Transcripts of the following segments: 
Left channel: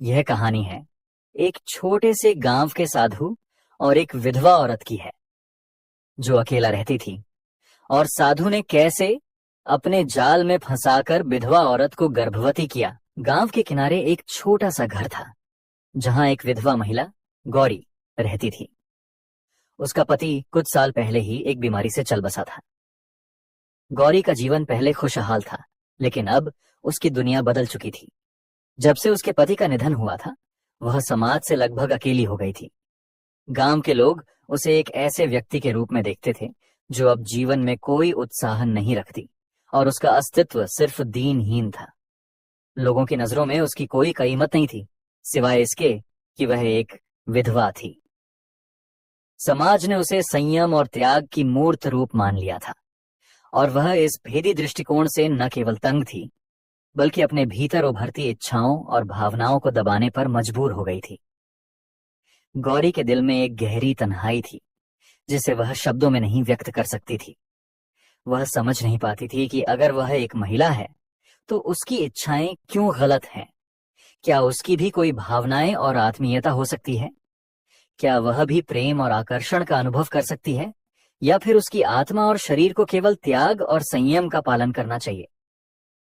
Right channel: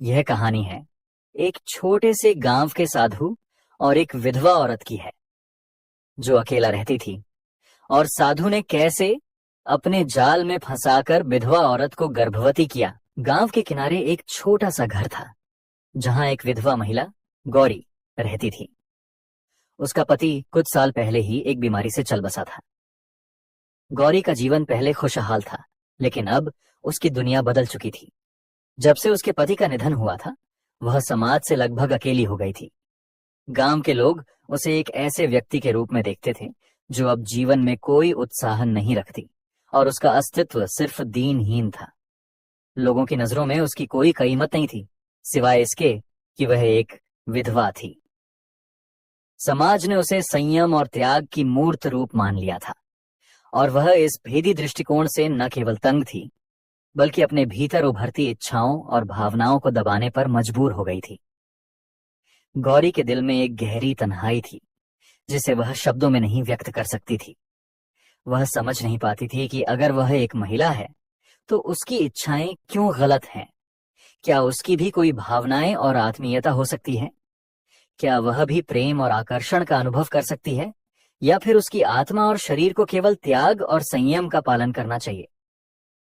यह कहानी है एक छोटे से गांव के साधु और एक विधवा औरत की है जो अकेला रहती थी। और साधु ने कैसे अपने जाल में फंसाकर विधवा औरत को गर्भवती किया। गांव के किनारे एक छोटा सा घर था जहां एक विधवा महिला गौरी रहती थी। उसका पति कुछ साल पहले ही एक बीमारी से चल बसा था। गौरी का जीवन पहले खुशहाल था, लेकिन अब उसकी दुनिया बदल चुकी थी। जब से उसके पति का निधन हुआ था, वह समाज से लगभग अकेली हो गई थी। गांव के लोग उसे एक ऐसे व्यक्ति के रूप में देखते थे जो अब जीवन में कोई उत्साह नहीं रखती, और उसका अस्तित्व सिर्फ दीनहीन था। लोगों की नजरों में उसकी कोई कीमत नहीं थी, सिवाय इसके कि वह एक विधवा थी। समाज ने उसे संयम और त्याग की मूर्त रूप मान लिया था, और वह इस भेदी दृष्टिकोण से न केवल तंग थी, बल्कि अपने भीतर उभरती इच्छाओं और भावनाओं को दबाने पर मजबूर हो गई थी। गौरी के दिल में एक गहरी तन्हाई थी जिसे वह शब्दों में नहीं व्यक्त कर सकती थी। वह समझ नहीं पाती थी कि अगर वह एक महिला है तो उसकी इच्छाएं क्यों गलत हैं। क्या उसकी भी कोई भावनाएं और आत्मीयता हो सकती है? क्या वह भी प्रेम और आकर्षण का अनुभव कर सकती है, या फिर उसकी आत्मा और शरीर को केवल त्याग और संयम का पालन करना चाहिए?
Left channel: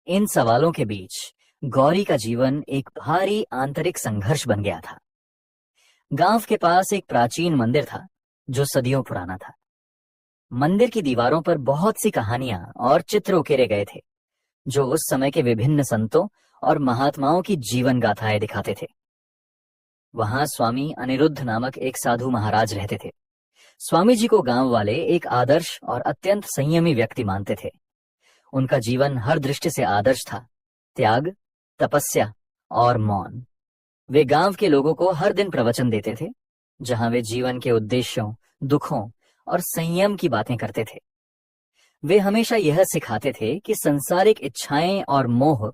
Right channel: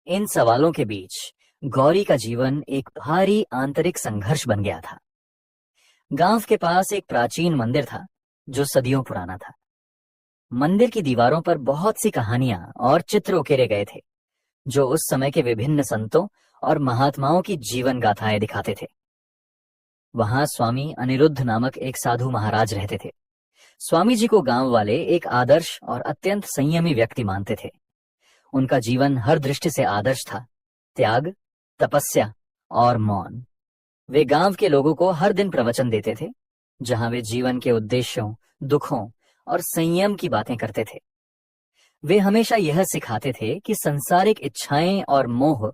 इन सवालों के बीच गौरी का जीवन एक भारी आंतरिक संघर्ष बन गया था। गांव के पास एक प्राचीन मंदिर था जो सदियों पुराना था। मंदिर की दीवारों पर बहुत सी कहानियां और चित्र उकेरे गए थे जो उस समय के विभिन्न संतों और महात्माओं की जीवन गाथाएं दिखाते थे। वहां स्वामी अनिरुद्ध नामक एक साधु महाराज रहते थे। स्वामी जी को गांव वाले एक आदर्श और अत्यंत संयमी व्यक्ति मानते थे। उनका जीवन हर दृष्टि से आदर्श था: त्याग, तपस्या और मौन। वे गांव के लोगों को हर दिन प्रवचन देते थे, जहां वे जीवन के उद्देश्यों, दुखों और संयम की बातें करते थे। वे हमेशा यह सिखाते थे कि सांसारिक इच्छाएं और मोह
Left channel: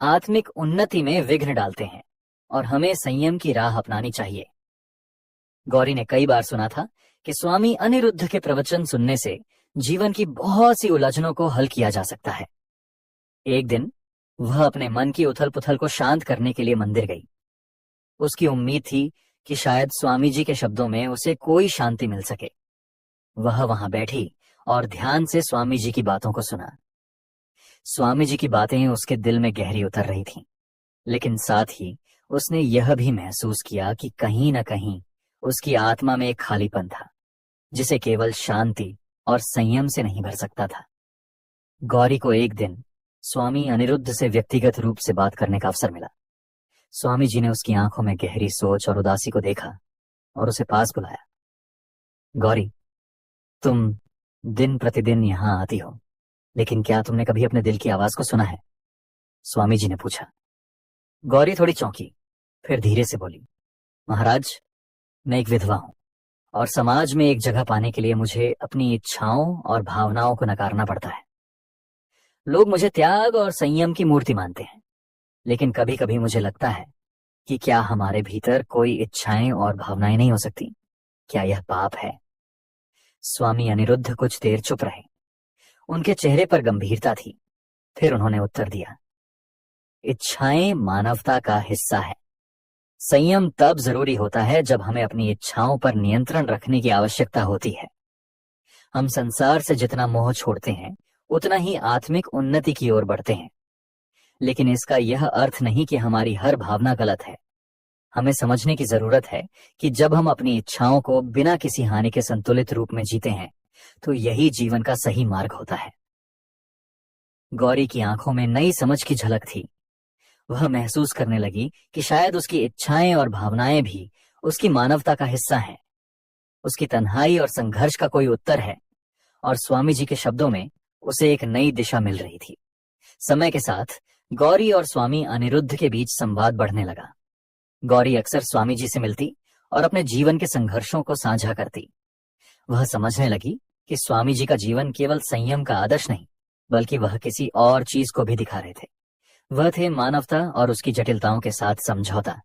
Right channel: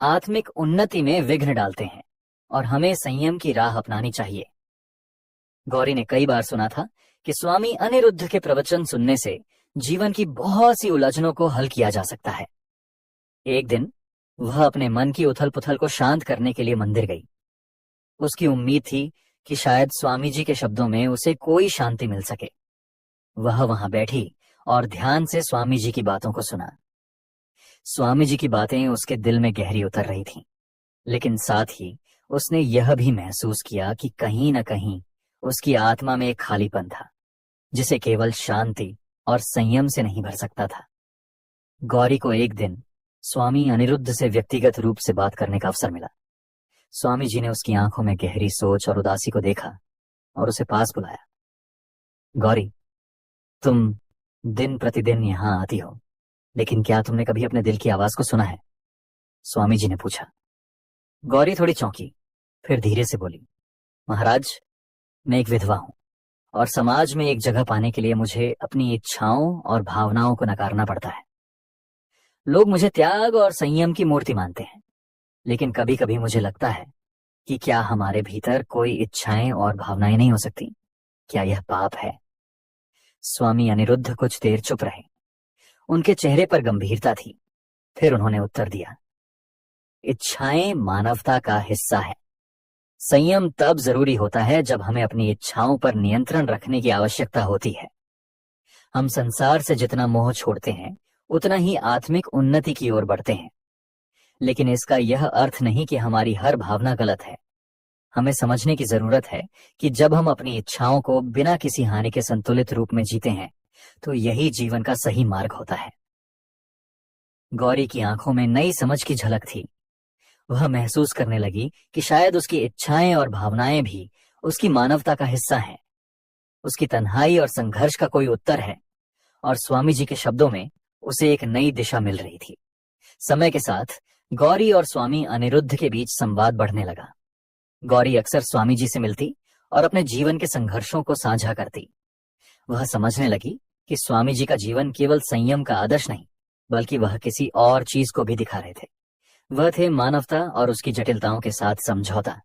आत्मिक उन्नति में विघ्न डालते हैं और हमें संयम की राह अपनानी चाहिए। गौरी ने कई बार सुना था कि स्वामी अनिरुद्ध के प्रवचन सुनने से जीवन की बहुत सी उलझनों को हल किया जा सकता है। एक दिन वह अपने मन की उथल पुथल को शांत करने के लिए मंदिर गई। उसकी उम्मीद थी कि शायद स्वामी जी के शब्दों में उसे कोई शांति मिल सके। वह वहां बैठी और ध्यान से स्वामी जी की बातों को सुना। स्वामी जी की बातें उसके दिल में गहरी उतर रही थीं, लेकिन साथ ही उसने यह भी महसूस किया कि कहीं न कहीं उसकी आत्मा में एक खालीपन था जिसे केवल शांति और संयम से नहीं भर सकता था। गौरी को एक दिन स्वामी अनिरुद्ध से व्यक्तिगत रूप से बात करने का अवसर मिला। स्वामी जी ने उसकी आंखों में गहरी सोच और उदासी को देखा और उसे पास बुलाया। गौरी, तुम दिन प्रतिदिन यहाँ आती हो, लेकिन क्या तुमने कभी अपने दिल की आवाज को सुना है? स्वामी जी ने पूछा। गौरी थोड़ी चौंकी, फिर धीरे से बोली, महाराज, मैं एक विधवा हूं, और समाज में एक जगह पाने के लिए मुझे अपनी इच्छाओं और भावनाओं को नकारना पड़ता है। लोग मुझे त्याग और संयम की मूर्ति मानते हैं, लेकिन कभी कभी मुझे लगता है कि क्या हमारे भीतर कोई इच्छाएं और भावनाएं नहीं हो सकती? क्या यह पाप है? स्वामी अनिरुद्ध कुछ देर चुप रहे। उनके चेहरे पर गंभीरता थी। फिर उन्होंने उत्तर दिया, इच्छाएं मानवता का हिस्सा है। संयम तब जरूरी होता है जब हमें अपनी इच्छाओं पर नियंत्रण रखने की आवश्यकता होती है। हम संसार से जितना मोह छोड़ते हैं, उतना ही आत्मिक उन्नति की ओर बढ़ते हैं। लेकिन इसका यह अर्थ नहीं कि हमारी हर भावना गलत है। हमें समझने की जरूरत है कि जब हम अपनी इच्छाओं को बिना किसी हानि के संतुलित रूप में जीते हैं, तो यही जीवन का सही मार्ग होता है। गौरी की आंखों में नई समझ की झलक थी। वह महसूस करने लगी कि शायद उसकी इच्छाएं और भावनाएं भी उसकी मानवता का हिस्सा हैं। उसकी तन्हाई और संघर्ष का कोई उत्तर है, और स्वामी जी के शब्दों में उसे एक नई दिशा मिल रही थी। समय के साथ गौरी और स्वामी अनिरुद्ध के बीच संवाद बढ़ने लगा। गौरी अक्सर स्वामी जी से मिलती और अपने जीवन के संघर्षों को साझा करती। वह समझने लगी कि स्वामी जी का जीवन केवल संयम का आदर्श नहीं, बल्कि वह किसी और चीज को भी दिखा रहे थे। वह थे मानवता और उसकी जटिलताओं के साथ समझौता।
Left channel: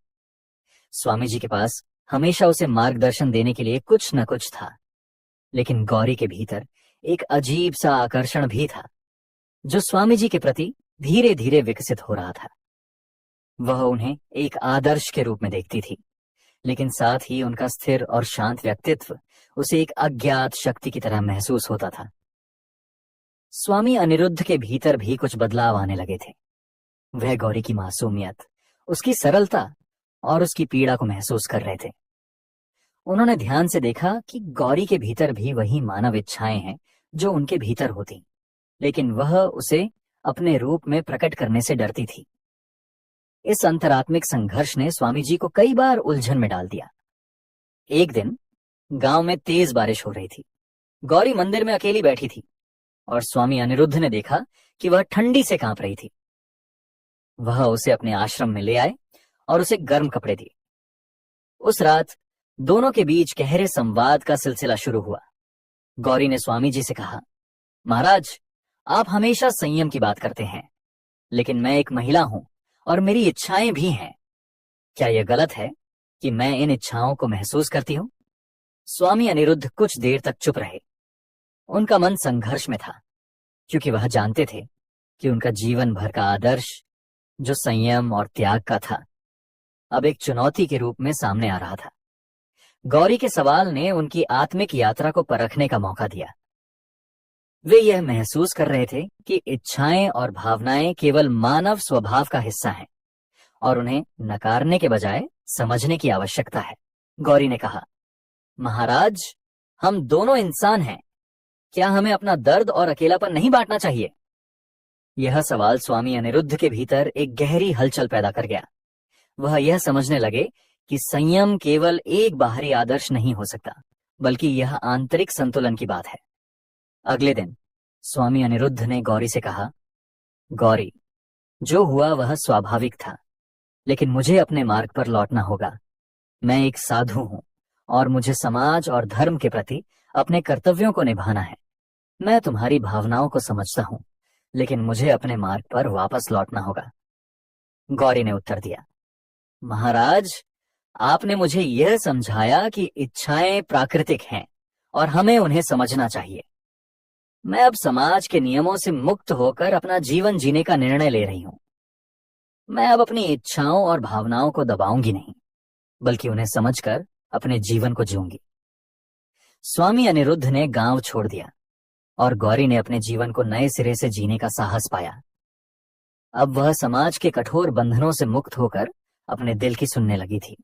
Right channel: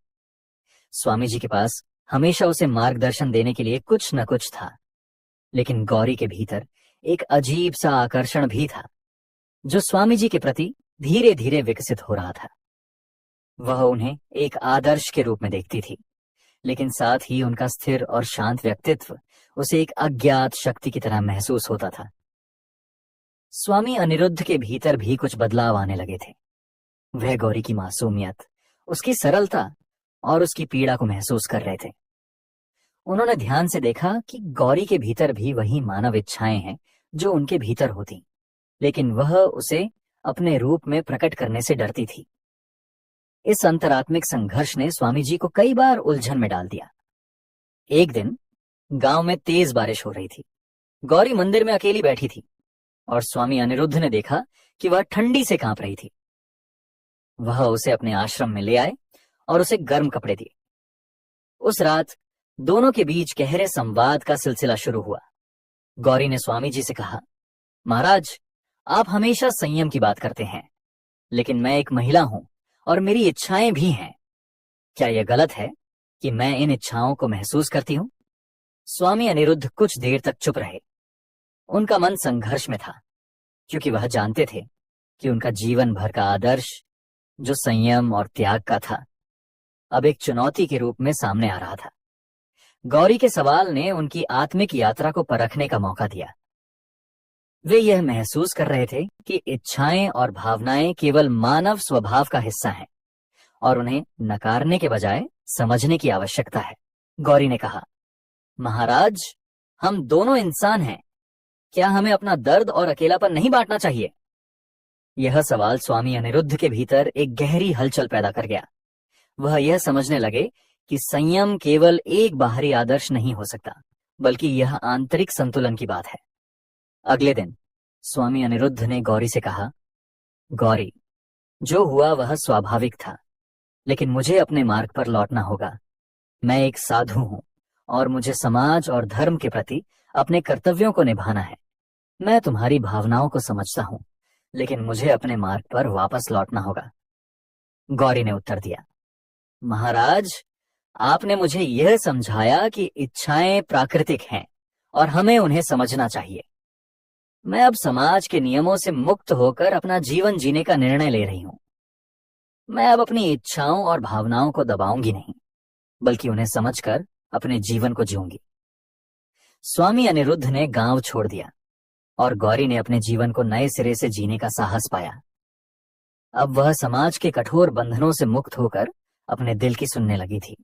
स्वामी जी के पास हमेशा उसे मार्गदर्शन देने के लिए कुछ न कुछ था, लेकिन गौरी के भीतर एक अजीब सा आकर्षण भी था जो स्वामी जी के प्रति धीरे धीरे विकसित हो रहा था। वह उन्हें एक आदर्श के रूप में देखती थी, लेकिन साथ ही उनका स्थिर और शांत व्यक्तित्व उसे एक अज्ञात शक्ति की तरह महसूस होता था। स्वामी अनिरुद्ध के भीतर भी कुछ बदलाव आने लगे थे। वह गौरी की मासूमियत, उसकी सरलता और उसकी पीड़ा को महसूस कर रहे थे। उन्होंने ध्यान से देखा कि गौरी के भीतर भी वही मानव इच्छाएं हैं जो उनके भीतर होती, लेकिन वह उसे अपने रूप में प्रकट करने से डरती थी। इस अंतरात्मिक संघर्ष ने स्वामी जी को कई बार उलझन में डाल दिया। एक दिन गांव में तेज बारिश हो रही थी। गौरी मंदिर में अकेली बैठी थी और स्वामी अनिरुद्ध ने देखा कि वह ठंडी से कांप रही थी। वह उसे अपने आश्रम में ले आए और उसे गर्म कपड़े दिए। उस रात दोनों के बीच गहरे संवाद का सिलसिला शुरू हुआ। गौरी ने स्वामी जी से कहा, महाराज, आप हमेशा संयम की बात करते हैं, लेकिन मैं एक महिला हूं और मेरी इच्छाएं भी हैं। क्या यह गलत है कि मैं इन इच्छाओं को महसूस करती हूं? स्वामी अनिरुद्ध कुछ देर तक चुप रहे। उनका मन संघर्ष में था, क्योंकि वह जानते थे कि उनका जीवन भर का आदर्श, जो संयम और त्याग का था, अब एक चुनौती के रूप में सामने आ रहा था। गौरी के सवाल ने उनकी आत्मिक यात्रा को परखने का मौका दिया। वे यह महसूस कर रहे थे कि इच्छाएं और भावनाएं केवल मानव स्वभाव का हिस्सा हैं और उन्हें नकारने के बजाय समझने की आवश्यकता है। गौरी ने कहा, महाराज, हम दोनों इंसान हैं। क्या हमें अपना दर्द और अकेलापन नहीं बांटना चाहिए? यह सवाल स्वामी अनिरुद्ध के भीतर एक गहरी हलचल पैदा कर गया। वह यह समझने लगे कि संयम केवल एक बाहरी आदर्श नहीं हो सकता, बल्कि यह आंतरिक संतुलन की बात है। अगले दिन स्वामी अनिरुद्ध ने गौरी से कहा, गौरी, जो हुआ वह स्वाभाविक था, लेकिन मुझे अपने मार्ग पर लौटना होगा। मैं एक साधु हूं और मुझे समाज और धर्म के प्रति अपने कर्तव्यों को निभाना है। मैं तुम्हारी भावनाओं को समझता हूं, लेकिन मुझे अपने मार्ग पर वापस लौटना होगा। गौरी ने उत्तर दिया, महाराज, आपने मुझे यह समझाया कि इच्छाएं प्राकृतिक हैं और हमें उन्हें समझना चाहिए। मैं अब समाज के नियमों से मुक्त होकर अपना जीवन जीने का निर्णय ले रही हूं। मैं अब अपनी इच्छाओं और भावनाओं को दबाऊंगी नहीं, बल्कि उन्हें समझकर अपने जीवन को जीऊंगी। स्वामी अनिरुद्ध ने गांव छोड़ दिया और गौरी ने अपने जीवन को नए सिरे से जीने का साहस पाया। अब वह समाज के कठोर बंधनों से मुक्त होकर अपने दिल की सुनने लगी थी।